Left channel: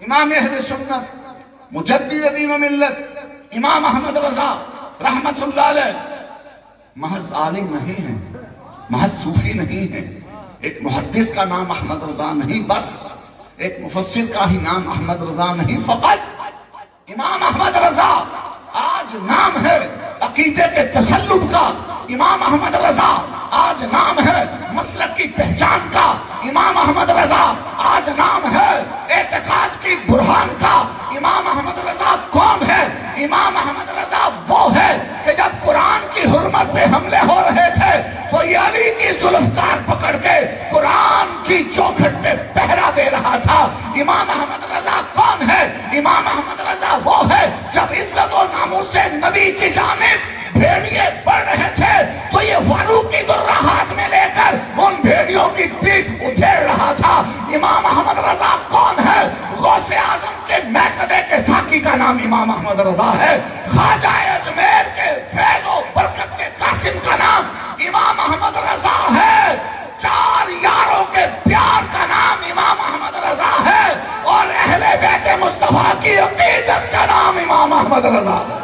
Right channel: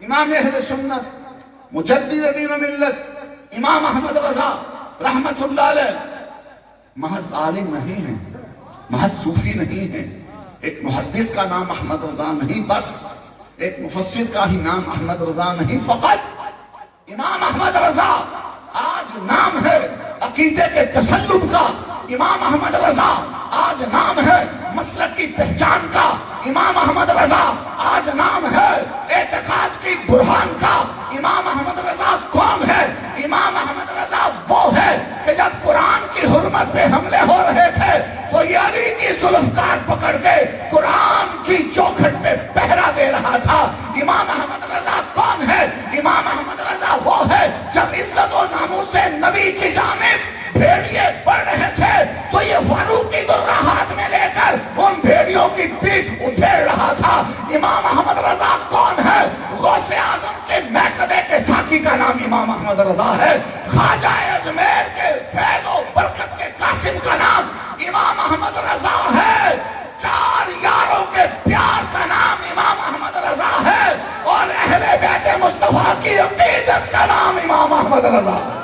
امام اہل سنت مجدد دین و ملت امام احمد رضا رحمت اللہ علیہ محض عالم نہیں ہیں، محض صوفی نہیں ہیں، ایک محدث کا نام احمد رضا نہیں بس، ایک مفسر کا ہی نام احمد رضا نہیں فقط، امام احمد رضا آج نام ہے عقیدے کے تسلط کا، امام احمد رضا آج نام ہے مسلک کی پہچان کا، امام احمد رضا آج نام ہے اعتقاد کی برہان کا، امام احمد رضا کون ہے؟ امام احمد رضا وہ ہے کہ جب قرآن کی حرمت پہ حملے ہو رہے تھے تو یہ علی کی ذوالفقار پکڑ کے قرآن کی چوکھٹ پہ پہرا دے رہا تھا۔ امام احمد رضا کون ہے؟ امام احمد رضا وہ ہے جب عزت و ناموس سے نبی کی جانب بھیڑیے پڑ رہے تھے تو یہ فاروقی درہ ہاتھ میں لے کر ان بھیڑیوں کی پیٹھ ادھیڑ رہا تھا۔ امام احمد رضا کون ہے؟ غوث اعظم کے میکدے کے ساقی کا نام امام احمد رضا ہے، خواجہ اجمیر کے فیض و برکت کے قاسم کا نام امام احمد رضا ہے، چار یاروں کے پیار کا نام امام احمد رضا ہے، اور اہل بیت مصطفیٰ کی عقیدت کا نام امام احمد رضا ہے۔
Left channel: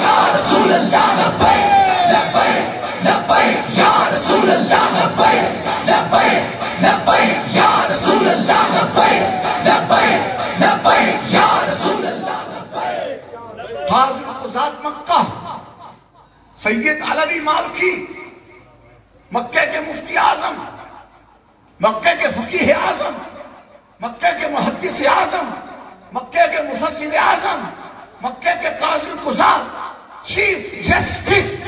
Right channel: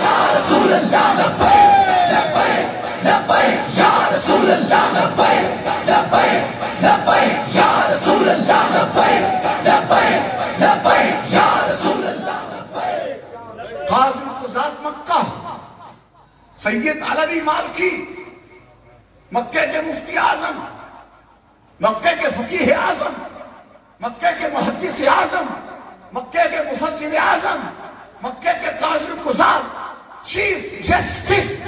یا رسول اللہ لبیک لبیک لبیک یا رسول اللہ لبیک لبیک لبیک یا رسول اللہ لبیک لبیک لبیک یا رسول اللہ لبیک۔ حاضر قضات مکہ سید علوی مالکی، مکہ کے مفتی اعظم، مکہ کے فقیہ اعظم، مکہ کے محدث اعظم، مکہ کے مفسر اعظم، مکہ کے قاضی قضات، چیف جسٹس،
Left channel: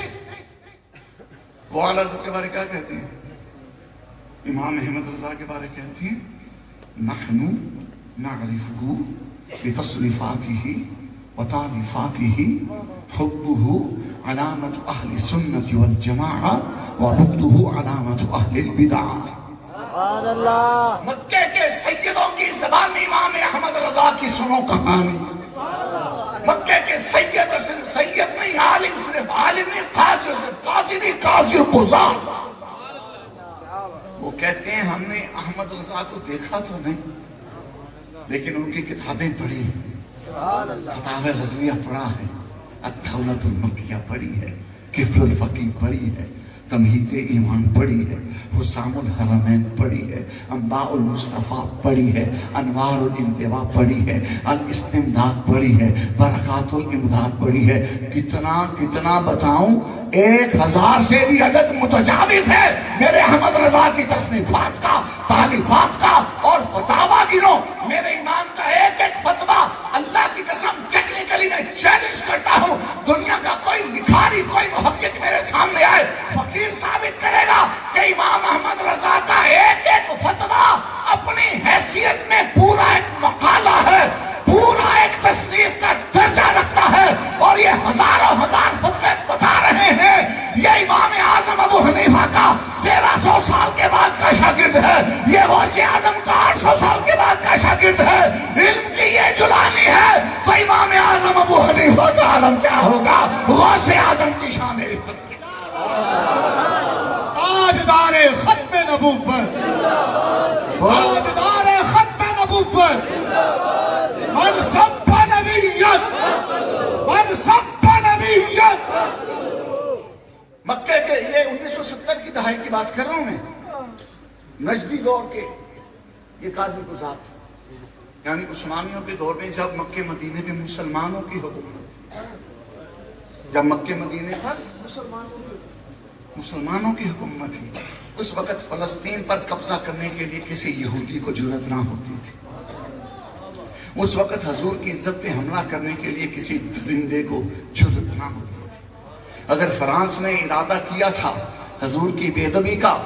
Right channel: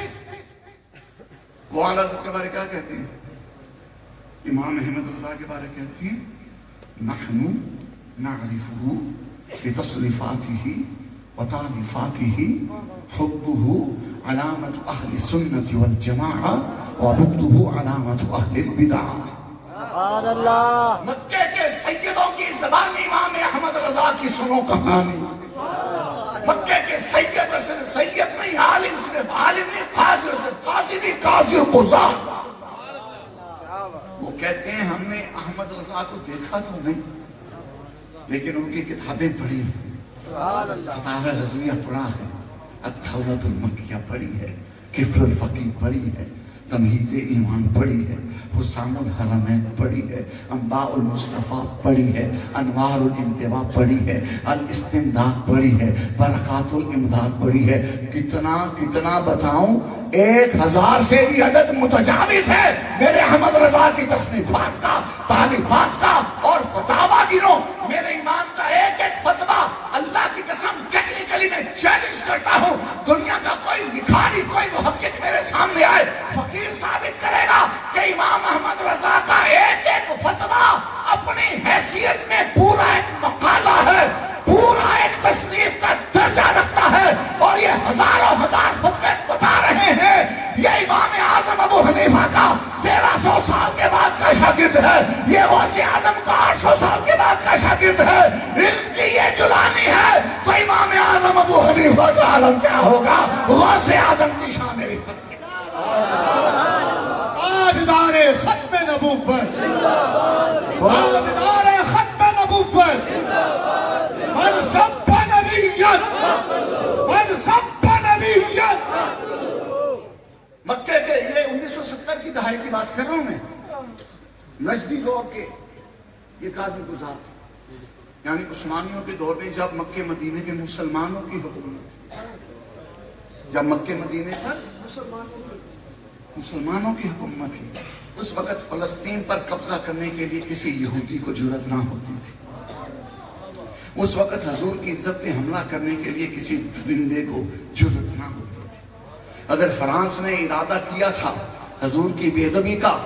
وہ اعلیٰ حضرت کے بارے کیا کہتی ہیں؟ امام احمد رضا کے بارے کہتی ہیں نحن نعرفه بتصنیفاته وتعریفاته حبه علامة اہل السنة والجماعة وبغضه علامة اہل البدع۔ سبحان اللہ۔ مکہ کے سیدوں کی زبان امام احمد رضا کی سنو کہانی، مکہ کے سید صرف سید نہیں، عالم صرف عالم نہیں، قاضی صرف قاضی نہیں، قاضی قضات۔ وہ کہتے ہیں ہم نے احمد رضا کو دیکھا تو نہیں لیکن ان کی کتابیں پڑھی ہیں، فتاوی غزویہ پڑھا ہے، الدولۃ المکیہ پڑھی ہے، کفر الفقیہ پڑھی ہے، تمہید ایمان پڑھی ہے، حسام الحرمین پڑھی ہے، انباء المصطفیٰ پڑھی ہے، انوار الانتباہ پڑھی ہے، الاستمداد پڑھی ہے، برکات الامداد پڑھی ہے۔ کتنا بتاؤں، 1000 سے بھی عدد متجاوز ہے میرے احمد رضا کی تصنیفات کا، تعلیفات کا اور فتاوی گنو۔ میرے امام کا ایک ایک فتویٰ اللہ کی قسم ٹیکنیکلی میں چیلنج کرتا ہوں، دنیا کا کوئی لکھاری، کوئی محقق میرے سامنے آئے، فقیر ثابت کرے گا کہ امام احمد رضا کا ایک ایک فتویٰ اپنی حیثیت میں پورا ایک مقالہ ہے، پورا ایک تصنیف کا درجہ رکھتا ہے، اور یہ ہزاروں ہزار فتوے بتا رہے ہیں یہ امام اعظم ابو حنیفہ کا 1300 سال کے بعد کا شاگرد ہے، یہ غوث اعظم کا 800 سال کے بعد کا شاگرد ہے۔ علم کی یہ جلانی ہے تو امام اعظم ابو حنیفہ کا عالم کیا ہوگا؟ غوث اعظم کی شان ہے، تاجدار ختم نبوت، تاجدار ختم نبوت، منصب نبیت، منصب نبیت۔ مکہ کے یہ 1970 کی دہائی کی بات کر رہا ہوں میں، نجدی دور کے یہ قاضی قضات تھے، یعنی عثمانیوں کے دور میں جب مکہ مدینے میں مسلمانوں کی حکومت تھی، جب مکہ مدینے پر مسلمانوں کی حکومت تھی، اس وقت فلسطین پر قبضہ کرنے کے لیے کسی یہودی کو جرأت نہ ہوتی تھی، اس وقت حضور کی عزت پہ حملہ کرنے کے لیے کسی درندے کو جرأت نہ ہوتی تھی۔ اگر فرانس نے ارادہ کیا تھا حضور کی بے ادبی کا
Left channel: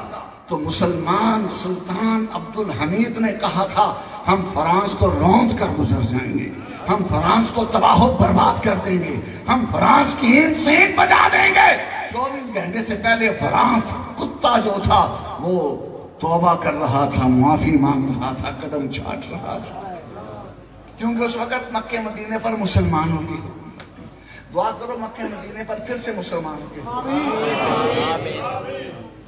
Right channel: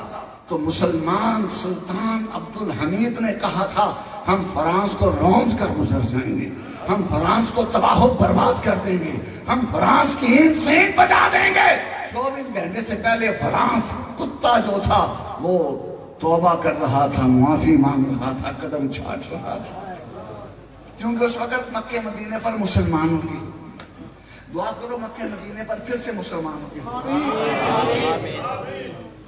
تو مسلمان سلطان عبد الحمید نے کہا تھا ہم فرانس کو روند کر گزر جائیں گے، ہم فرانس کو تباہ و برباد کر دیں گے، ہم فرانس کی اینٹ سے اینٹ بجا دیں گے۔ 24 گھنٹے سے پہلے فرانس کتا جو تھا وہ توبہ کر رہا تھا، معافی مانگ رہا تھا، قدم چھاٹ رہا تھا، کیونکہ اس وقت مکہ مدینے پر مسلمانوں کی دعا کرو، مکہ مدینے پر پھر سے مسلمانوں کی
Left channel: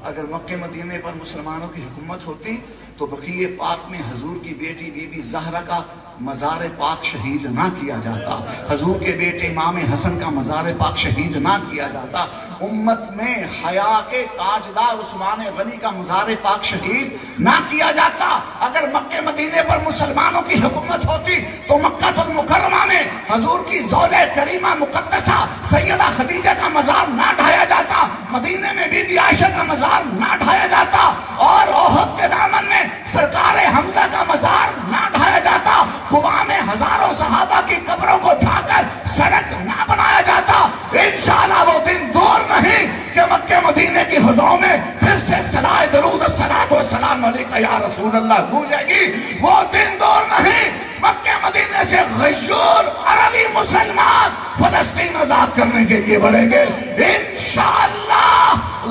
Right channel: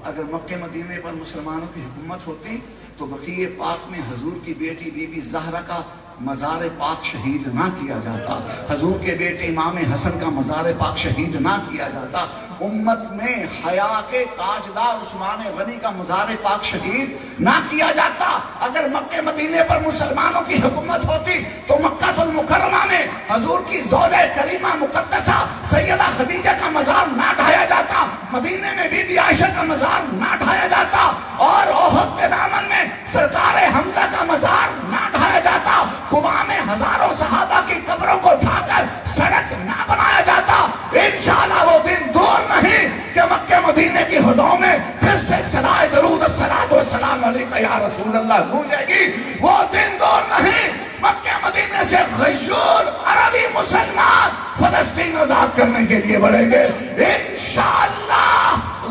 اگر مکہ مدینے پر مسلمانوں کی حکومت ہوتی تو بقیع پاک میں حضور کی بیٹی بی بی زہرا کا مزار پاک شہید نہ کیا جاتا، حضور کے بیٹے امام حسن کا مزار پاک شہید نہ کیا جاتا، امت میں حیا کے تاجدار عثمان غنی کا مزار پاک شہید نہ کیا جاتا۔ اگر مکہ مدینے پر مسلمانوں کی حکومت ہوتی تو مکہ المکرمہ میں حضور کی زوجہ کریمہ مقدسہ سیدہ خدیجہ کا مزار نہ ڈھایا جاتا، مدینے میں بی بی عائشہ کا مزار نہ ڈھایا جاتا، اور احد کے دامن میں سرکار حمزہ کا مزار نہ ڈھایا جاتا، قباء میں ہزاروں صحابہ کی قبروں کو ڈھا کر سڑک نہ بنایا جاتا۔ انشاءاللہ وہ دن دور نہیں کہ مکہ مدینے کی فضاؤں میں پھر سے صدائے درود الصلاۃ والسلام علیکہ یا رسول اللہ گونجے گی۔ وہ دن دور نہیں مکہ مدینے سے غیور عربی مسلمان فلسطین آزاد کرنے کے لیے بڑھیں گے انشاءاللہ۔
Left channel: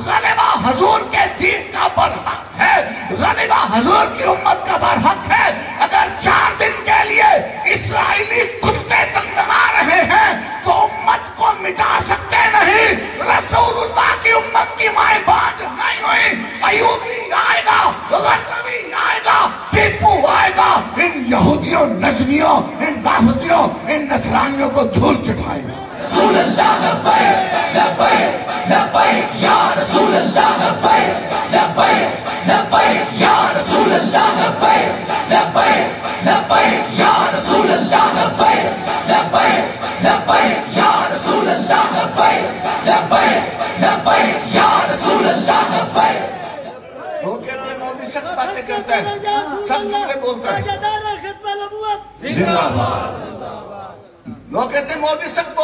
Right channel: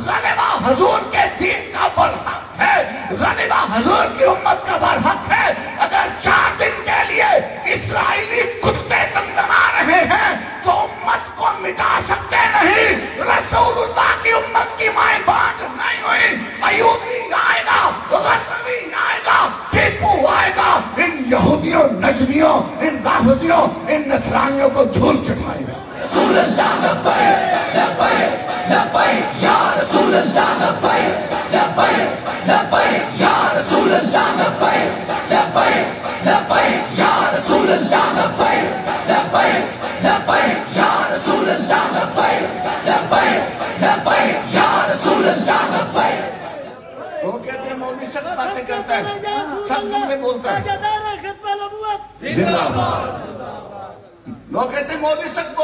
غلبہ حضور کے دین کا برحق ہے، غلبہ حضور کی امت کا برحق ہے۔ اگر 4 دن کے لیے اسرائیلی کتے دمدما رہے ہیں تو امت کو مٹا سکتے نہیں۔ رسول اللہ کی امت کی مائیں بانج نہیں ہوئی، ایوبی آئے گا، غزنوی آئے گا، ٹیپو آئے گا، ان یہودیوں، نجدیوں، ان رافضیوں، ان نصرانیوں کو دھول چٹائے گا۔ رسول اللہ لبیک لبیک لبیک یا رسول اللہ لبیک لبیک لبیک یا رسول اللہ لبیک لبیک لبیک یا رسول اللہ لبیک لبیک لبیک یا رسول اللہ لبیک لبیک لبیک یا رسول اللہ لبیک۔ وہ کہتے ہیں مولوی سب باتیں کرتے ہیں، سب مل کے بولتے ہیں زندہ باد۔ لوگ کہتے ہیں مولوی سب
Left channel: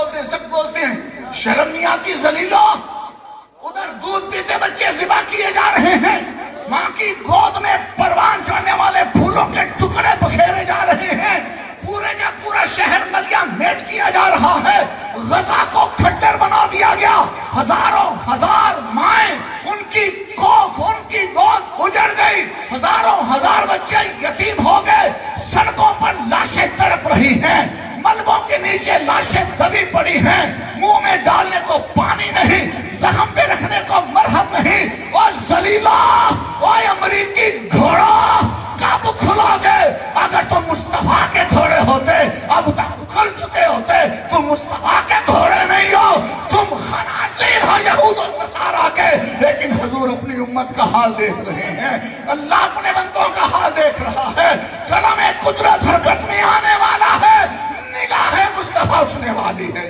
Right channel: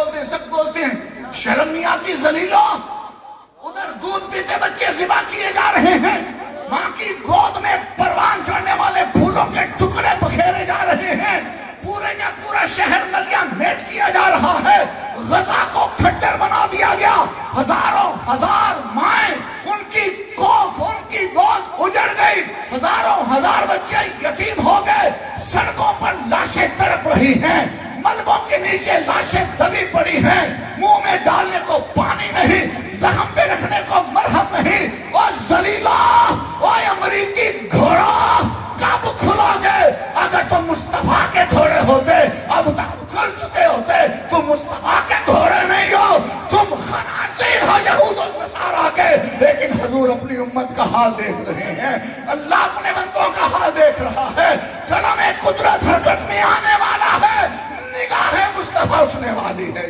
بولتے ہیں، شرم نہیں آتی ذلیلوں؟ ادھر دودھ پیتے بچے ذبح کیے جا رہے ہیں، ماں کی گود میں پروان چڑھنے والے پھولوں کے ٹکڑے بکھیرے جا رہے ہیں، پورے کا پورا شہر نلیاں میٹ کیا جا رہا ہے، غزہ کو کھٹر بنا دیا گیا، ہزاروں ہزار مائیں ان کی گود اجڑ گئی، ہزاروں ہزار بچے یتیم ہو گئے، سڑکوں پر لاشیں تڑپ رہی ہیں، ملبوں کے نیچے لاشیں دبی پڑی ہیں، منہ میں ڈالنے کو پانی نہیں، زخم پہ رکھنے کو مرہم نہیں۔ اور ذلیلا، اور امریکی گھوڑا کب کھلا گئے؟ اگر تم مصطفیٰ کے گھوڑے ہوتے اب تک کھل چکے ہوتے۔ تم مصطفیٰ کے گھوڑے نہیں ہو، تم خنازیر ہو یہود و نصارہ کے۔ لیکن حضور اپنی امت کا حال دیکھ رہے ہیں، اللہ اپنے بندوں کا حال دیکھ رہا ہے، قلم قدرت حرکت میں آنے والا ہے، نگاہ مصطفیٰ اٹھنے والی ہے۔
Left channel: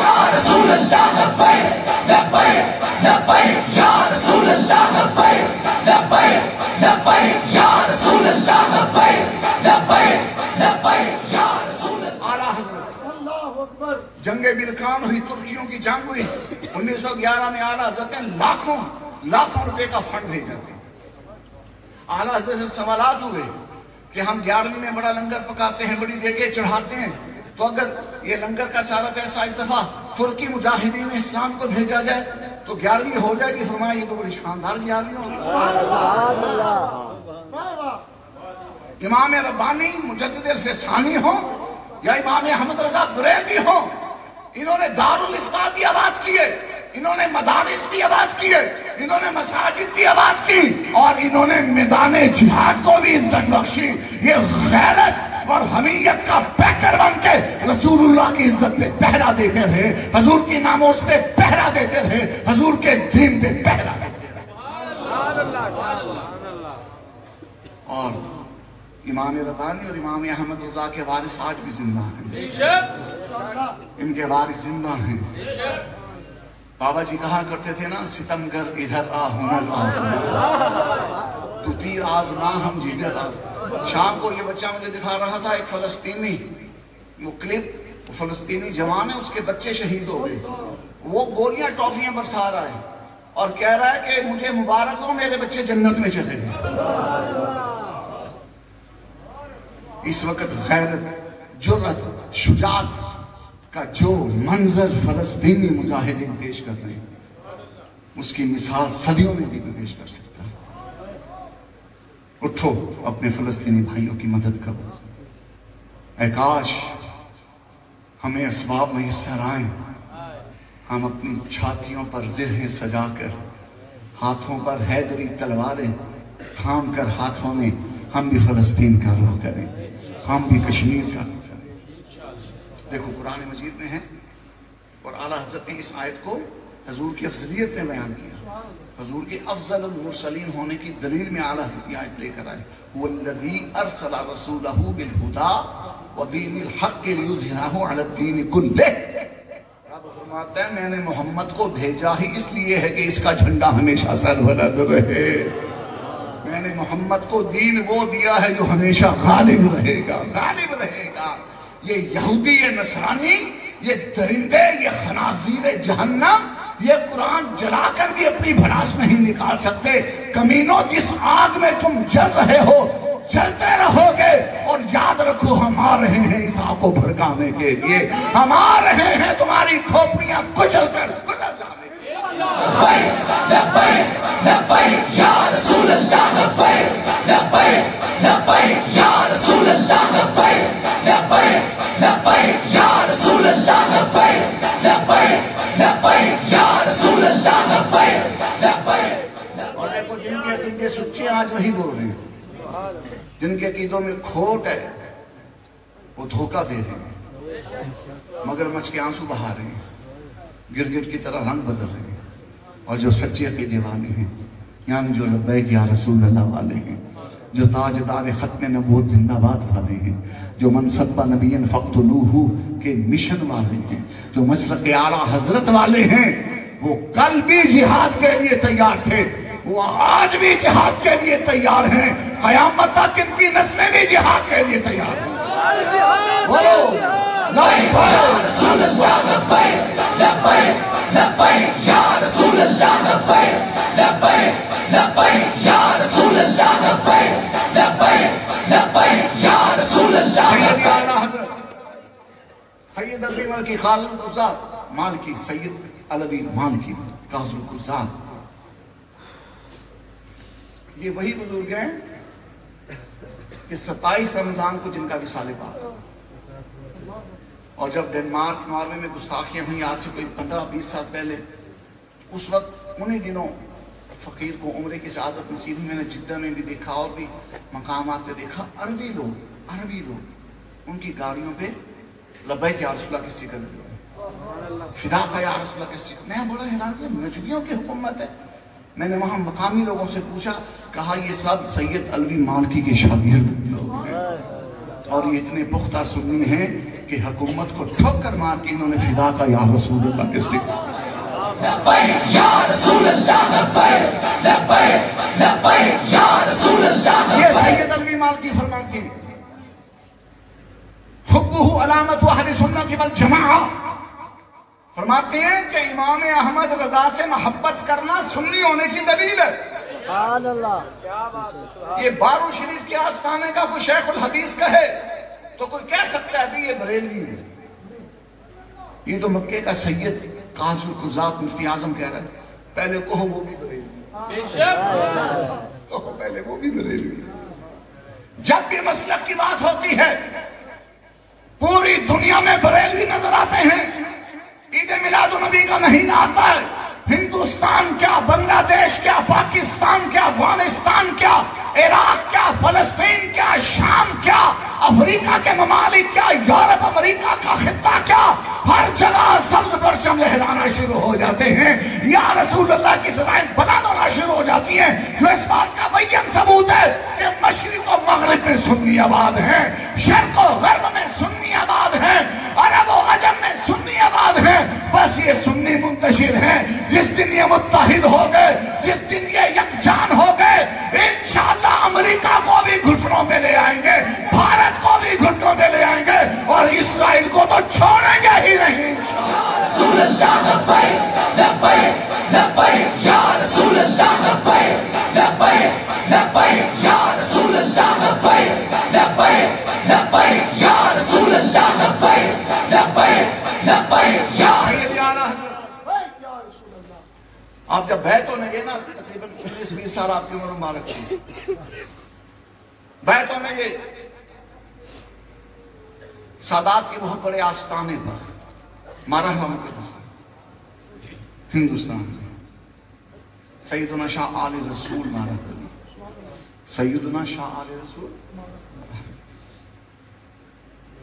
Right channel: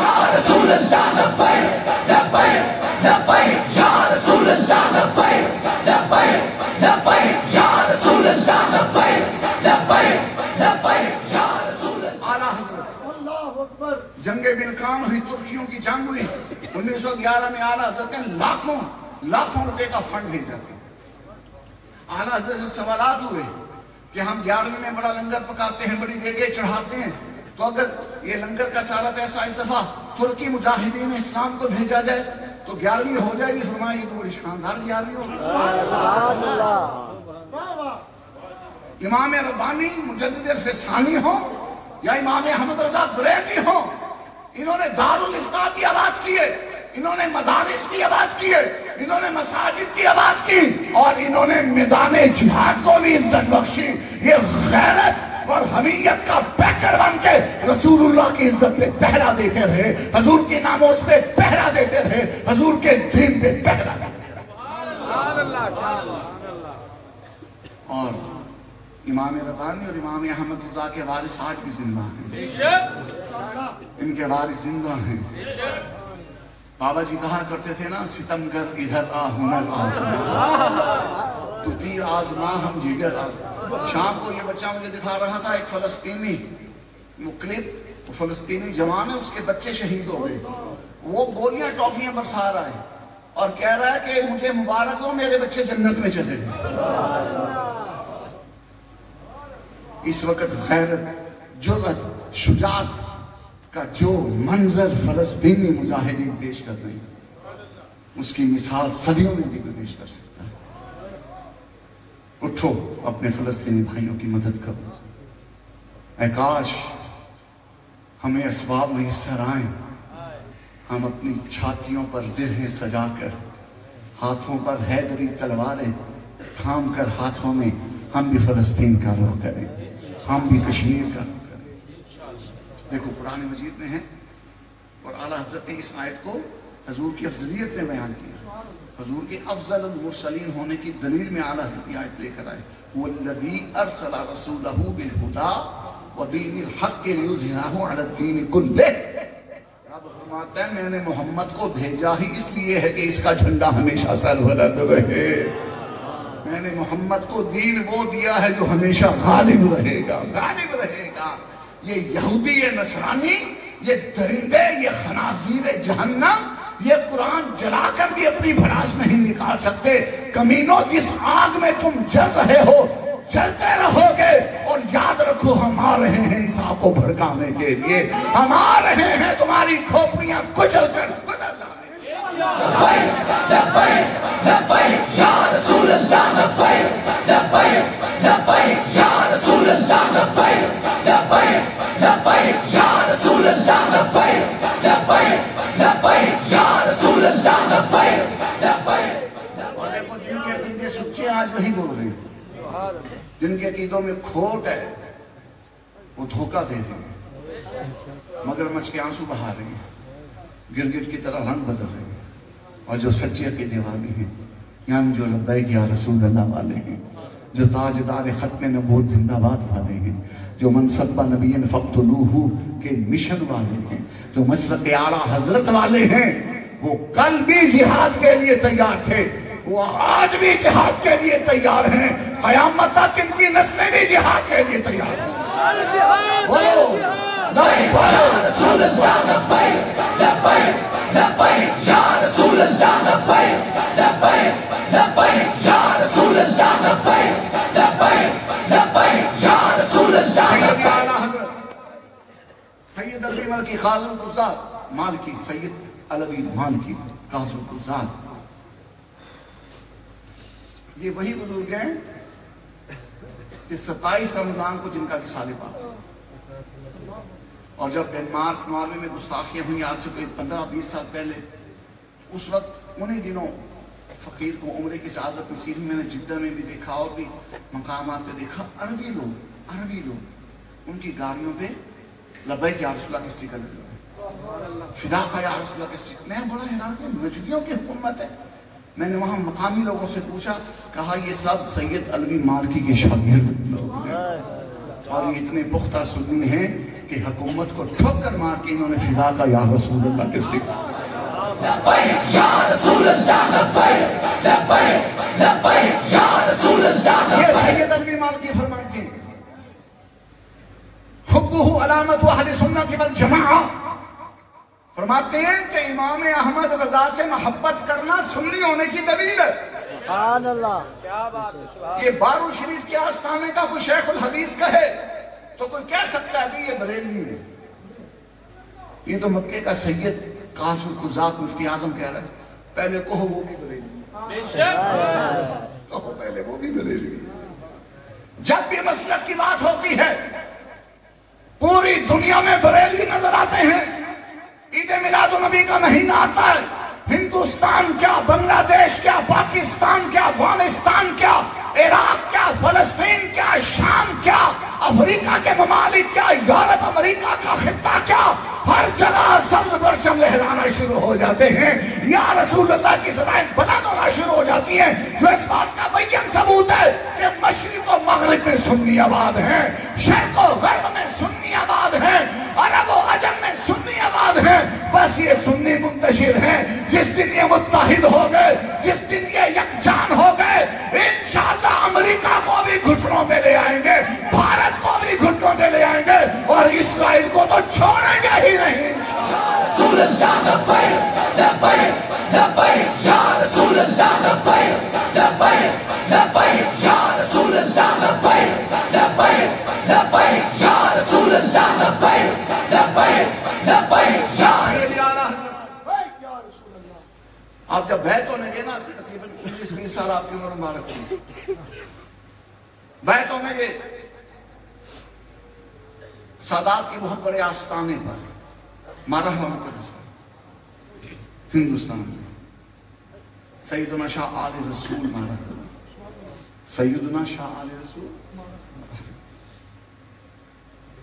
یا رسول اللہ لبیک لبیک لبیک یا رسول اللہ لبیک لبیک لبیک یا رسول اللہ لبیک لبیک لبیک یا رسول اللہ۔ اعلیٰ حضرت جنگ بلقان ہوئی، ترکیوں کی جنگ ہوئی 1911 میں، اعلیٰ حضرت نے لاکھوں روپے کا فنڈ بھیجا تھا۔ اعلیٰ حضرت سے سوالات ہوئے کہ ہم 11ویں میں بڑا لنگر پکاتے ہیں، بڑی دیگیں چڑھاتے ہیں، تو اگر یہ لنگر کا سارا پیسہ اس دفعہ ترکی مجاہدین اسلام کو بھیجا جائے تو 11ویں ہو جائے گی؟ فرمایا یہ تو بڑی شاندار 11ویں ہوگی۔ سبحان اللہ۔ امام ربانی مجدد الفسانی ہو یا امام احمد رضا بریلوی ہو، انہوں نے دارالفتاء بھی آباد کیے، انہوں نے مدارس بھی آباد کیے، انہوں نے مساجد بھی آباد کی، اور انہوں نے میدان جہاد کو بھی عزت بخشی۔ یہ غیرت اور حمیت کا پیکر بن کے رسول اللہ کی عزت پہ پہرا دیتے رہے، حضور کی ناموس پہ پہرا دیتے رہے، حضور کے دین پہ پہرا دیتے رہے۔ اور امام ربانی اور امام احمد رضا کے وارث آج بھی زندہ ہیں، ان کے وارث زندہ ہیں۔ بابا جی کہا کرتے تھے نا، ستمگر ادھر آ ہنر آزما، تو تیر آزما ہم جگر آزما۔ شام کو یہ بچہ مجھے دکھا رہا تھا، ایک فلسطینی کلپ، فلسطینی جوان ہے، اس کے بچے شہید ہو گئے، وہ گولیاں ٹافیاں برسا رہا ہے اور کہہ رہا ہے کہ مجھے مبارک ہو، میرے بچے جنت میں چلے گئے۔ اس وقت غیرت، جرأت، شجاعت کا جو منظر فلسطینی مجاہدین پیش کر رہے ہیں، اس کی مثال صدیوں میں بھی پیش کر سکتا ہے۔ اٹھو، اپنے فلسطینی بھائیوں کی مدد کرو۔ اے کاش ہمیں اسباب میسر آئیں، ہم اپنی چھاتیوں پر زرہیں سجا کر، ہاتھوں پر حیدری تلواریں تھام کر ہاتھوں میں ہم بھی فلسطین کا رخ کریں، ہم بھی کشمیر کا رخ کریں۔ دیکھو قرآن مجید میں ہے، اور اعلیٰ حضرت نے اس آیت کو حضور کی افضلیت میں بیان کیا۔ حضور کے افضل المرسلین ہونے کی دلیل میں اعلیٰ حضرت کی آیت لے کر آئے، وَالَّذِي أَرْسَلَ رَسُولَهُ بِالْهُدَى وَدِينِ الْحَقِّ لِيُظْهِرَهُ عَلَى الدِّينِ كُلِّهِ۔ رب فرماتا ہے میں نے محمد کو بھیجا ہی اس لیے ہے کہ اس کا جھنڈا ہمیشہ سربلند رہے۔ میں نے محمد کو دین وہ دیا ہے جو ہمیشہ غالب رہے گا، غالب رہے گا۔ یہ یہودی، یہ نصرانی، یہ درندے، یہ خنازیر جہنم، یہ قرآن جلا کر بھی اپنی بھڑاس نہیں نکال سکتے۔ کمینوں، جس آگ میں تم جل رہے ہو جلتے رہو گے، اور یاد رکھو ہم آ رہے ہیں اس آگ کو بھڑکانے کے لیے، ہم آ رہے ہیں تمہاری کھوپڑیاں کچل کر گزر جانے کے لیے۔ لبیک لبیک لبیک یا رسول اللہ، لبیک لبیک لبیک یا رسول اللہ، لبیک لبیک لبیک یا رسول اللہ، لبیک لبیک لبیک یا رسول اللہ، لبیک لبیک۔ اور دیکھو جن کے عقیدے سچے آج وہی بول رہے ہیں، جن کے عقیدوں میں کھوٹ ہے وہ دھوکہ دے رہے ہیں، مگر مچ کے آنسو بہا رہے ہیں، گرگٹ کی طرح رنگ بدل رہے ہیں۔ اور جو سچے عقیدے والے ہیں، یعنی جو لبیک یا رسول اللہ والے ہیں، جو تاجدار ختم نبوت زندہ باد والے ہیں، جو منصب نبی فقتلوہ کے مشن والے ہیں، جو مسلک اعلیٰ حضرت والے ہیں، وہ کل بھی جہاد کے لیے تیار تھے، وہ آج بھی جہاد کے لیے تیار ہیں، قیامت تک ان کی نسلیں بھی جہاد کے لیے تیار ہیں۔ رسول اللہ، لبیک لبیک لبیک یا رسول اللہ، لبیک لبیک لبیک یا رسول اللہ، لبیک لبیک لبیک یا رسول اللہ، لبیک۔ سید علی مالکی قاضی القضات مالکی، سید علوی مالکی قاضی القضات، یہ وہی بزرگ ہیں کہ 27 رمضان کو جن کا وصال پاک، اور جب ڈنمارک ناروے میں گستاخیاں ہوئی آج سے کوئی 15-20 سال پہلے، اس وقت انہی دنوں فقیر کو عمرے کی سعادت نصیب ہوئی۔ میں نے جدہ میں بھی دیکھا اور بھی مقامات پہ دیکھا، عربی لوگ ان کی گاڑیوں پہ لبیک یا رسول اللہ کے اسٹیکر لگے ہوئے، فدا کا یا رسول اللہ کے اسٹیکر۔ میں بڑا حیران کہ نجدیوں کی حکومت ہے۔ میں نے وہاں مقامی لوگوں سے پوچھا، کہا یہ سب سید علوی مالکی کے شاگرد لوگ ہیں، اور یہ اتنے پختہ سنی ہیں کہ حکومت کو ٹھوکر مار کے انہوں نے فدا کا یا رسول اللہ کے اسٹیکر۔ لبیک یا رسول اللہ، لبیک لبیک لبیک یا رسول اللہ، یہ سید علوی مالکی فرماتے ہیں، حبہ علامت اہل سنت والجماعہ، فرماتے ہیں کہ امام احمد رضا سے محبت کرنا سنی ہونے کی دلیل ہے۔ سبحان اللہ۔ یہ بارو شریف کے آستانے کا کوئی شیخ الحدیث کہے تو کوئی کہہ سکتا ہے بھی یہ بریلوی ہے، یہ تو مکے کا سید قاضی القضات مفتی اعظم کہہ رہا ہے، پہلے کہو وہ بھی بریلوی، کہو پہلے وہ بھی بریلوی۔ جب بھی مسلک کی بات ہوتی ہے پوری دنیا میں بریلوی نظر آتے ہیں۔ عید میلاد النبی کا مہینہ آتا ہے، ہندوستان کیا، بنگلہ دیش کیا، پاکستان کیا، افغانستان کیا، عراق کیا، فلسطین کیا، شام کیا، افریقہ کے ممالک کیا، یورپ امریکہ کا خطہ کیا، ہر جگہ سبز پرچم لہرانا شروع ہو جاتے ہیں، یا رسول اللہ کی سزائیں بنانا شروع ہو جاتی ہیں، جو اس بات کا بیان ثبوت ہے کہ مشرق و مغرب میں سنی آباد ہیں، شرق و غرب میں سنی آباد ہیں، عرب و عجم میں سنی آباد ہیں، بس یہ سنی منتشر ہیں۔ جس دن یہ متحد ہو گئے، جس دن یہ یکجان ہو گئے، انشاءاللہ امریکہ کو بھی گھٹنوں میں لے آئیں گے، بھارت کو بھی گھٹنوں میں لے آئیں گے، اور اسرائیل کو تو چھوڑیں گے ہی نہیں انشاءاللہ۔ رسول اللہ، لبیک لبیک لبیک یا رسول اللہ، لبیک لبیک لبیک یا رسول اللہ، لبیک لبیک لبیک یا رسول اللہ، لبیک لبیک لبیک یا رسول اللہ۔ آپ جب بیعت ہونے گے نا، تقریباً 19-20 سال آپ کی عمر مبارک ہوئی، بیعت ہونے گے سادات کے بہت بڑے آستانے پر، مرحلہ مقدس، ہندوستان میں سیدنا شاہ آل رسول مارا گیا. سیدنا شاہ آل رسول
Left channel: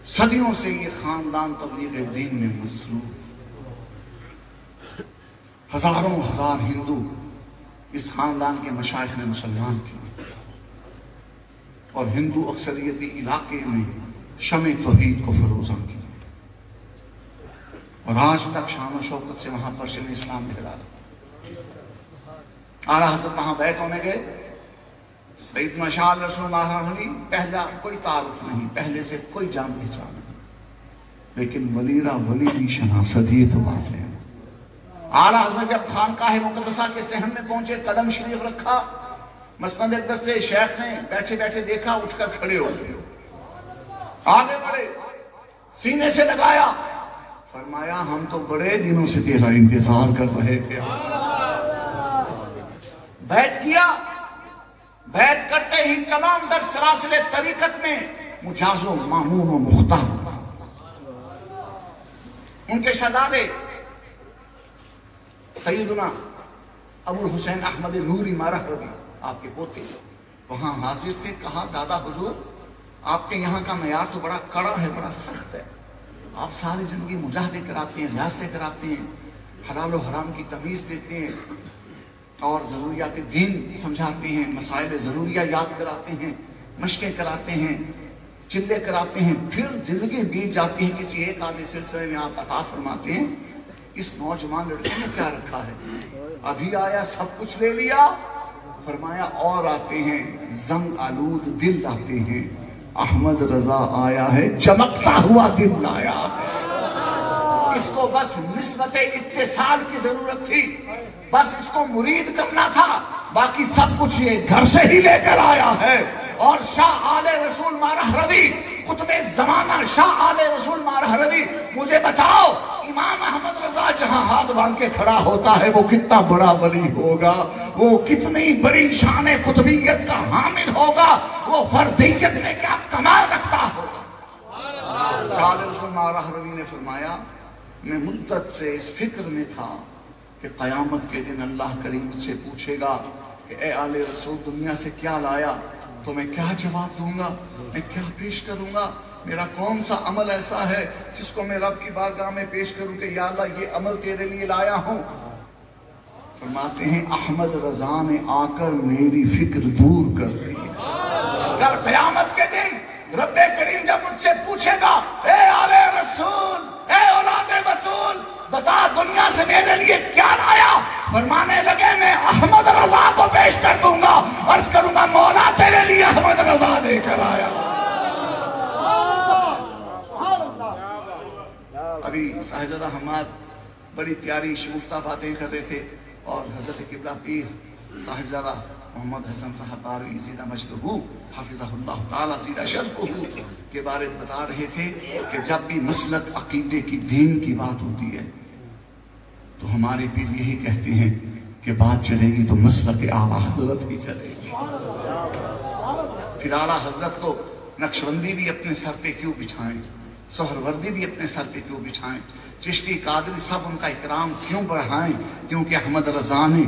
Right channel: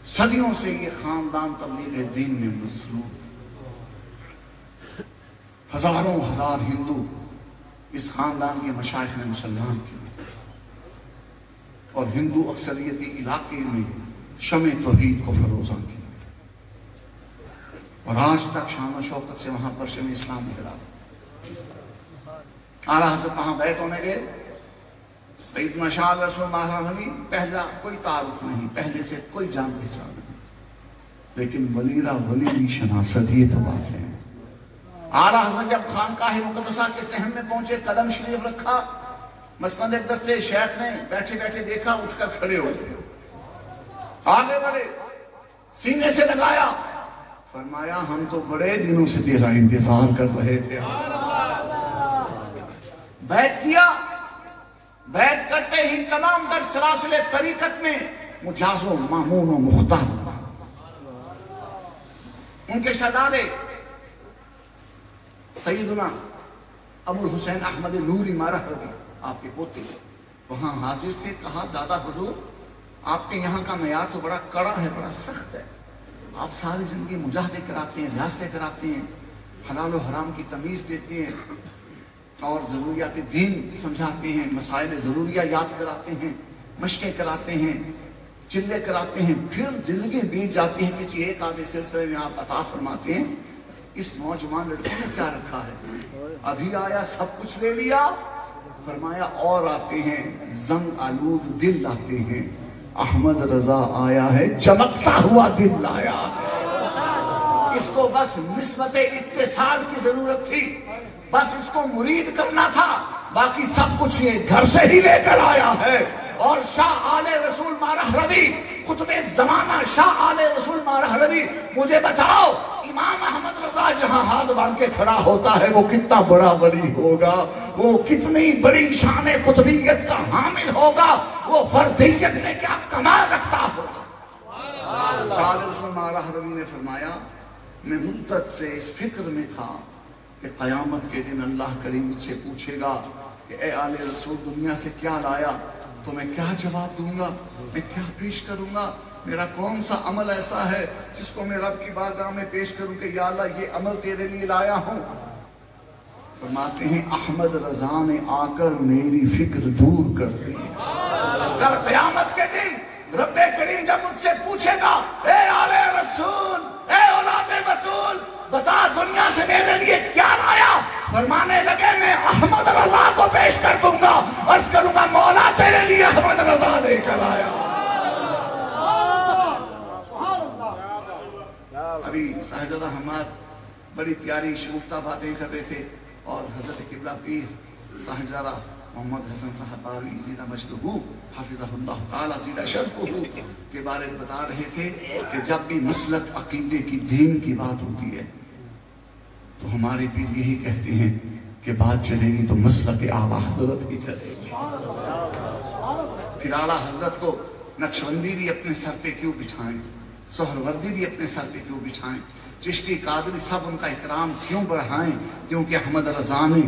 صدیوں سے یہ خاندان تبلیغ دین میں مصروف. ہزاروں ہزار ہندو اس خاندان کے مشائخ نے مسلمان کیے اور ہندو اکثریتی علاقے میں شمع توحید کو فروزاں کی اور آج تک شان و شوکت سے وہاں پر شمع اسلام لہرا. اعلیٰ حضرت وہاں بیعت ہونے گئے. سیدنا شاہ رسول مہاراجی پہلا کوئی تعارف نہیں, پہلے سے کوئی جان پہچان نہیں, لیکن ولیرہ ولی بھی شناست, یہ تو بات ہے. اعلیٰ حضرت جب خانقاہ مقدسہ کے صحن میں پہنچے, قدم شریف رکھا, مسند اقدس پہ شیخ نے بیٹھے بیٹھے دیکھا, اٹھ کر کھڑے ہو گئے, آگے بڑھے, سینے سے لگایا, فرمایا ہم تو بڑے دنوں سے تیرا انتظار کر رہے تھے. بیعت کیا. بیعت کرتے ہی تمام در سلاسل طریقت میں مجاز و معموم و مختار. ان کے شہزادے سیدنا ابو الحسین احمد نوری مارہ ہوگی, آپ کے پوتے, وہاں حاضر تھے. کہا دادا حضور, آپ کے یہاں کا معیار تو بڑا کڑا ہے, بڑا سخت ہے. آپ ساری زندگی مجاہدے کراتے ہیں, ریاستیں کراتے ہیں, حلال و حرام کی تمیز دیتے ہیں اور ضروریات دین سمجھاتے ہیں, مسائل ضروریہ یاد کراتے ہیں, مشقیں کراتے ہیں, چلے کراتے ہیں. پھر زندگی بیت جاتی ہے, کسی ایک آدھے سلسلے میں آپ عطا فرماتے ہیں. اس نوجوان لڑکے نے کیا رکھا ہے؟ ابھی آیا سب کچھ لے لیا. فرمایا اور آتے ہیں, زنگ آلود دل لاتے ہیں. احمد رضا آیا ہے, چمکتا ہوا دل لایا ہے. اس کو بس نسبت اتصال کی ضرورت تھی, بس اس کو مرید کرنا تھا, باقی سب کچھ یہ گھر سے ہی لے کر آیا ہے. اور شاہ آل رسول مارہروی, قطب زمانہ شاہ آل رسول مارہروی, مجھے بتاؤ امام احمد رضا جہاں ہاتھ باندھ کے کھڑا ہوتا ہے وہ کتنا بڑا ولی ہوگا, وہ کتنی بڑی شان قطبیت کا حامل ہوگا, وہ فردیت میں کیا کمال رکھتا ہوگا. شاہ آل رسول مارہروی نے فرمایا میں مدت سے اس فکر میں تھا کہ قیامت کے دن اللہ کریم مجھ سے پوچھے گا کہ اے آل رسول دنیا سے کیا لایا, تو میں کیا جواب دوں گا, میں کیا پیش کروں گا, میرا کون سا عمل ایسا ہے جس کو میں رب کی بارگاہ میں پیش کروں کہ یا اللہ یہ عمل تیرے لیے لایا ہوں. فرماتے ہیں احمد رضا نے آ کر میری فکر دور کر دی. کل قیامت کے دن رب کریم جب مجھ سے پوچھے گا اے آل رسول, اے اولاد بطول, بتا دنیا سے میرے لیے کیا لایا, فرمانے لگے میں احمد رضا کو پیش کر دوں گا, عرض کروں گا مولا تیرے لیے احمد رضا لے کر آیا. ابھی صاحبزادہ حماد بڑی پیاری شگفتہ باتیں کر رہے تھے اور حضرت قبلہ پیر صاحبزادہ محمد حسن صاحب باروی زیدہ مجدہ حافظہ اللہ تعالیٰ زیدہ شرفہ کے بارے میں بتا رہے تھے کہ جب بھی مسلک عقیدے کی دین کی بات ہوتی ہے تو ہمارے پیر یہی کہتے ہیں کہ بات چلے گی تو مسلک اعلیٰ حضرت کی چلے گی. پھر اعلیٰ حضرت کو نقشبندی بھی اپنے سر پہ کیوں بچھائیں, سہروردی بھی اپنے سر پہ کیوں بچھائیں, چشتی قادری سب ان کا اکرام کیوں بڑھائیں, کیونکہ احمد رضا نے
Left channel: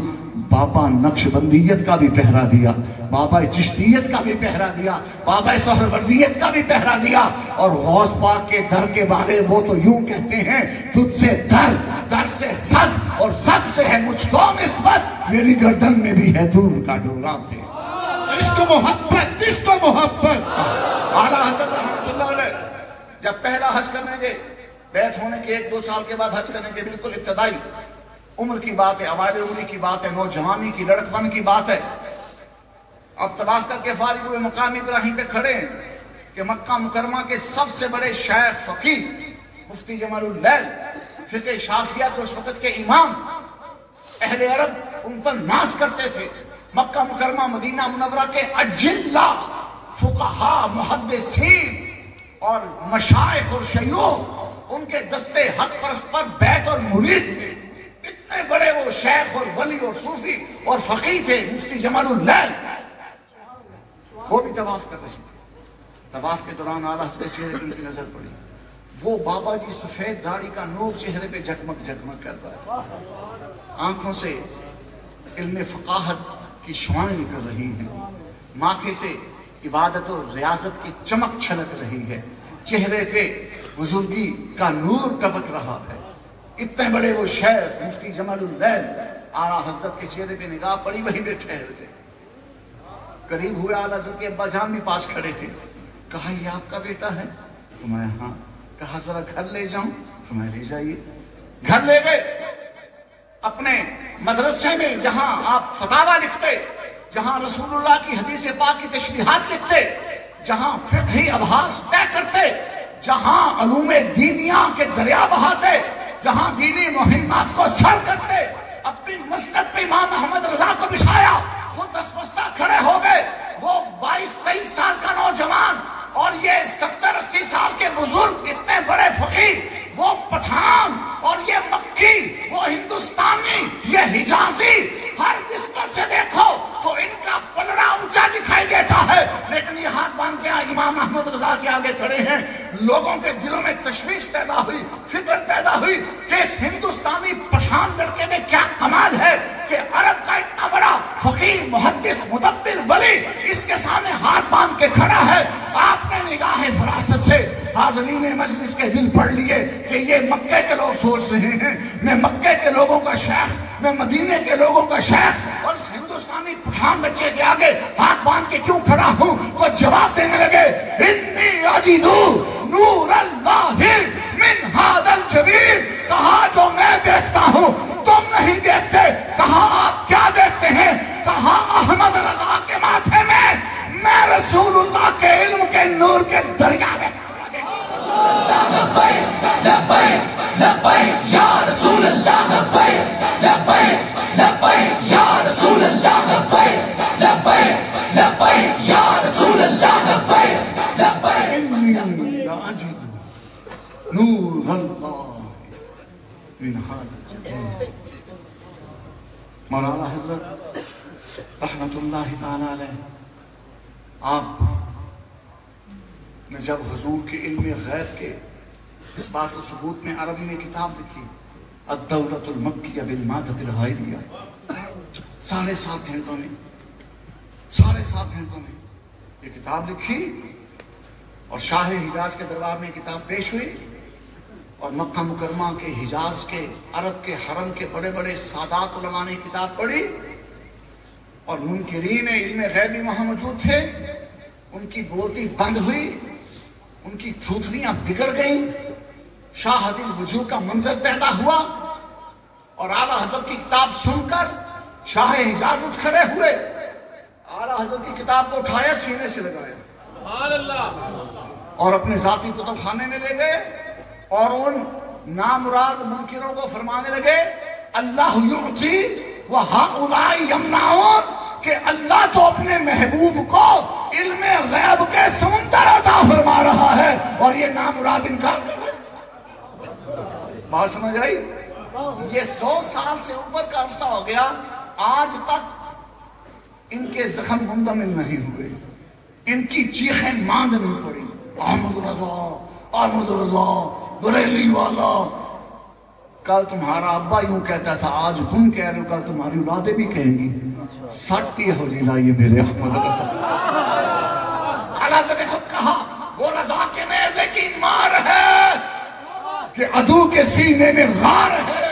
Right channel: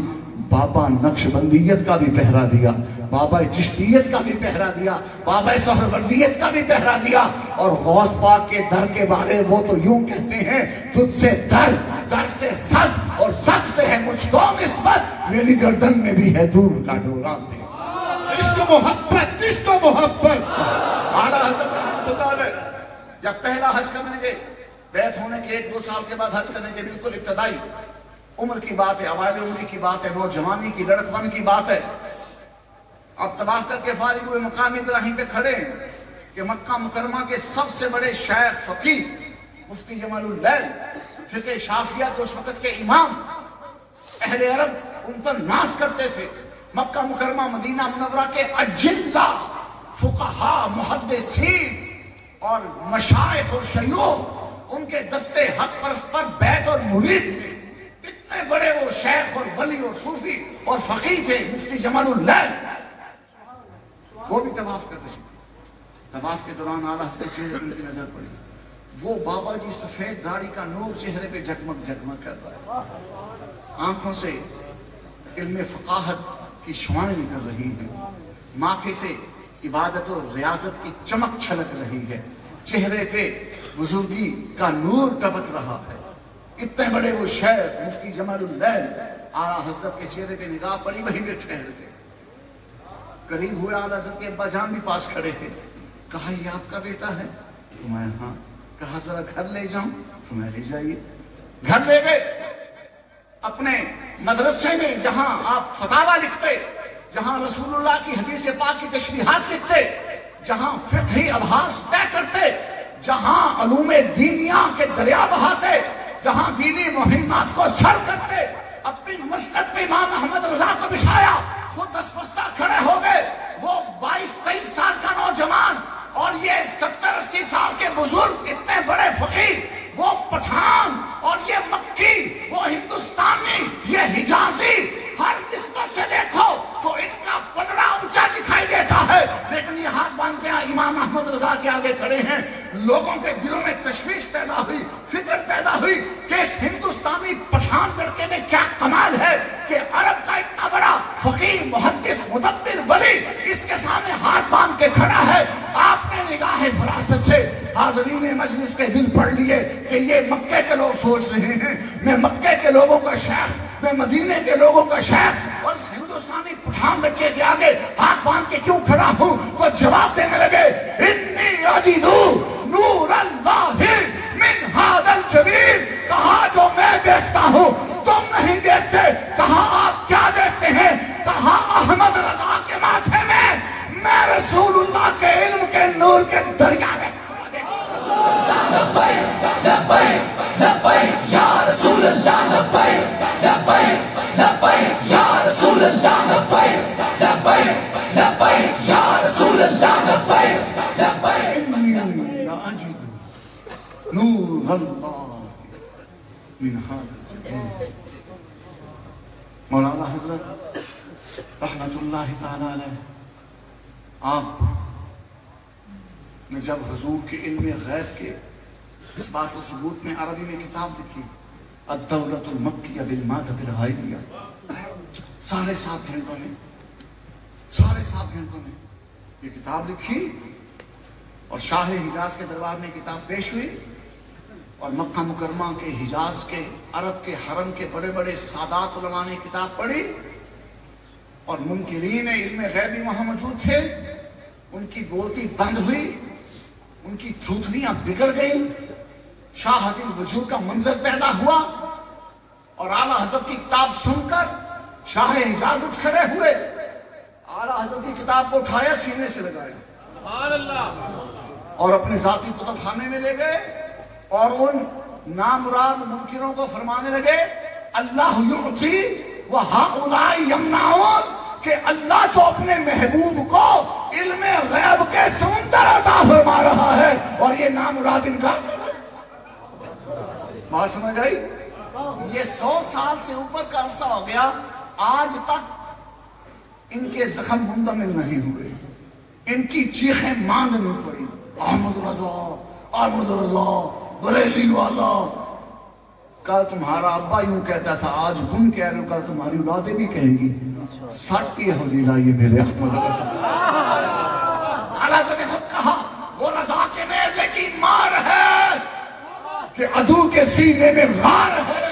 بابا نقشبندیت کا بھی پہرا دیا, بابا چشتیت کا بھی پہرا دیا, بابا سہروردیت کا بھی پہرا دیا. اور غوث پاک کے در کے بارے وہ تو یوں کہتے ہیں تجھ سے در, در سے صد اور صد سے ہے مجھ کو نسبت, میری گردن میں بھی ہے دور کا ڈورا. عشق و محبت, عشق و محبت. اعلیٰ حضرت رحمۃ اللہ علیہ جب پہلا حج کرنے گئے, بیعت ہونے کے 1-2 سال کے بعد حج کرنے کے بالکل ابتدائی عمر کی بات ہے, اوائل عمری کی بات ہے, نوجوانی کی لڑکپن کی بات ہے. اب طواف کر کے فارغ ہوئے مقام ابراہیم پہ کھڑے ہیں کہ مکہ مکرمہ کے سب سے بڑے شیخ فقیہ مفتی جمال اللیل, فقہ شافعیہ کے اس وقت کے امام, اہل عرب ان پر ناز کرتے تھے. مکہ مکرمہ مدینہ منورہ کے اجلہ فقہا, محدثین اور مشائخ اور شیوخ ان کے دستے حق پرست پر بیعت اور مرید تھے. اتنے بڑے وہ شیخ اور ولی اور صوفی اور فقیہ تھے مفتی جمال اللیل, وہ بھی طواف کر رہے تھے. طواف کے دوران اعلیٰ حضرت کے چہرے ان کی نظر پڑی, وہ بابا جی سفید داڑھی کا نور چہرے پہ جھکمک جھکمک کر رہا ہے. آنکھوں سے علم فقاہت کی شعائیں نکل رہی ہیں، ماتھے سے عبادت و ریاضت کی چمک چھلک رہی ہے، چہرے پہ بزرگی کا نور ٹپک رہا ہے۔ اتنے بڑے وہ شیخ مفتی جمال الدین اعلیٰ حضرت کے چہرے پہ نگاہ پڑی، وہیں پہ ٹھہر گئے۔ قریب ہوئے اعلیٰ حضرت کے ابا جان بھی پاس کھڑے تھے، کہا یہ آپ کا بیٹا ہے؟ فرمایا ہاں۔ کہا ذرا گھر لے جاؤں؟ فرمایا لے جائیے۔ گھر لے گئے، اپنے مدرسے میں جہاں آپ فتاویٰ لکھتے، جہاں رسول اللہ کی حدیث پاک کی تشریحات لکھتے، جہاں فقہی ابحاث طے کرتے، جہاں علوم دینیہ کے دریا بہاتے، جہاں دینی مہمات کو سر کرتے، اپنی مسند پہ امام احمد رضا کو بچھایا، خود دستبستہ کھڑے ہو گئے۔ وہ 22-23 سال کا نوجوان اور یہ 70-80 سال کے بزرگ، اتنے بڑے فقیہ، وہ پٹھان اور یہ مکی، وہ ہندوستانی، یہ حجازی، ہر نسبت سے دیکھو تو ان کا پلڑا اونچا دکھائی دیتا ہے، لیکن یہ ہاتھ باندھ کے امام احمد رضا کے آگے کھڑے ہیں۔ لوگوں کے دلوں میں تشویش پیدا ہوئی، فکر پیدا ہوئی کہ اس ہندوستانی پٹھان لڑکے میں کیا کمال ہے کہ عرب کا اتنا بڑا فقیہ، محدث، مدبر، ولی اس کے سامنے ہاتھ باندھ کے کھڑا ہے۔ آپ نے نگاہ فراست سے حاضرین مجلس کے دل پڑھ لیے کہ یہ مکے کے لوگ سوچ رہے ہیں میں مکے کے لوگوں کا شیخ، میں مدینے کے لوگوں کا شیخ، اور اس ہندوستانی پٹھان بچے کے آگے ہاتھ باندھ کے کیوں کھڑا ہوں؟ تو جواب دینے لگے، انی اجدو نور اللہ من ھذا الجبین۔ کہا جو میں دیکھتا ہوں تم نہیں دیکھتے۔ کہا آپ کیا دیکھتے ہیں؟ کہا احمد رضا کے ماتھے میں رسول اللہ کے علم کے نور کے دریا میں لبیک لبیک لبیک یا رسول اللہ، لبیک لبیک لبیک یا رسول اللہ، لبیک لبیک لبیک یا رسول اللہ، لبیک لبیک نور اللہ من ھذا الجبین۔ مولانا حضرت رحمت اللہ تعالی علیہ، آپ نے جب حضور کے علم غیب کے اس بات و ثبوت میں عربی میں کتاب لکھی، الدولۃ المکیہ بالمادۃ الغیبیہ، 7.5 گھنٹوں میں یہ کتاب لکھی، اور شاہ حجاز کے دربار میں کتاب پیش ہوئی، اور مکہ مکرمہ کے، حجاز کے، عرب کے حرم کے بڑے بڑے سادات علماء نے کتاب پڑھی، اور منکرین علم غیب بھی وہاں موجود تھے، ان کی بوتی بند ہوئی، ان کی تھوتھلیاں بگڑ گئیں، شاہد الوجوہ کا منظر پیدا ہوا، اور اعلیٰ حضرت کی کتاب سن کر شاہ حجاز اٹھ کھڑے ہوئے، اعلیٰ حضرت کی کتاب کو اٹھایا، سینے سے لگایا، سبحان اللہ، اور اپنے ذاتی کتب خانے میں لے گئے، اور ان نامراد منکروں کو فرمانے لگے، اللہ یعطی وہؤلاء یمنعون، کہ اللہ تو اپنے محبوب کو علم غیب کے سمندر عطا فرما رہا ہے، اور یہ نامراد انکار کر رہے ہیں۔ بات سمجھ آئی؟ یہ 100 سال سے اوپر کا عرصہ ہو گیا، آج تک ان کے زخم منتمل نہیں ہوئے، ان کی چیخیں ماند نہیں پڑی، احمد رضا، احمد رضا، بریلی والا۔ کل تمہارا ابا یوں کہتا تھا، آج تم کہہ رہے ہو، کل تمہاری اولادیں بھی کہیں گی، سٹی حضیلہ یہ میرے احمد رضا۔ اللہ نے خود کہا، وہ رضا کے نیزے کی مار ہے کہ عدو کے سینے میں غار ہے،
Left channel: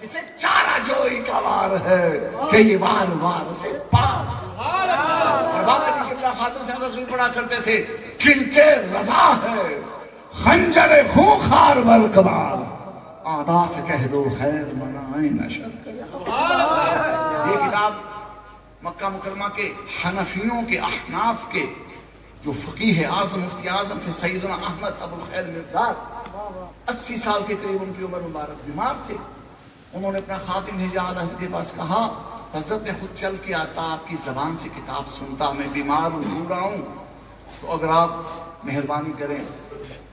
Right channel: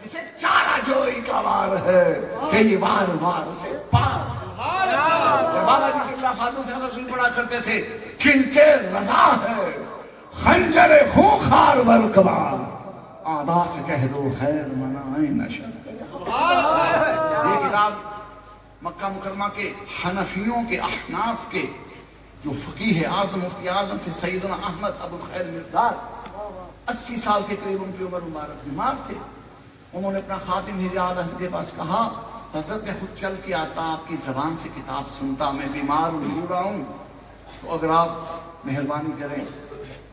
کسے چارہ جوئی کا وار ہے کہ یہ وار وار سے پار۔ بابا جی قبلہ خاتون سے رسول پڑھا کرتے تھے، کن کے رضا ہے خنجر خونخوار برکبار، آدھا سے کہہ دو خیر منائیں نشد۔ یہ کتاب مکہ مکرمہ کے حنفیوں کے، احناف کے جو فقیہ اعظم، مفتی اعظم تھے سیدنا احمد ابو الخیر مرداد، 80 سال کے قریب ان کی عمر، مبارک بیمار تھے، انہوں نے اپنا خادم بھیجا، حضرت کے پاس کہا، حضرت نے خود چل کے آتا، آپ کی زبان سے کتاب سنتا، میں بیمار ہوں، بوڑھا ہوں، تو اگر آپ مہربانی کریں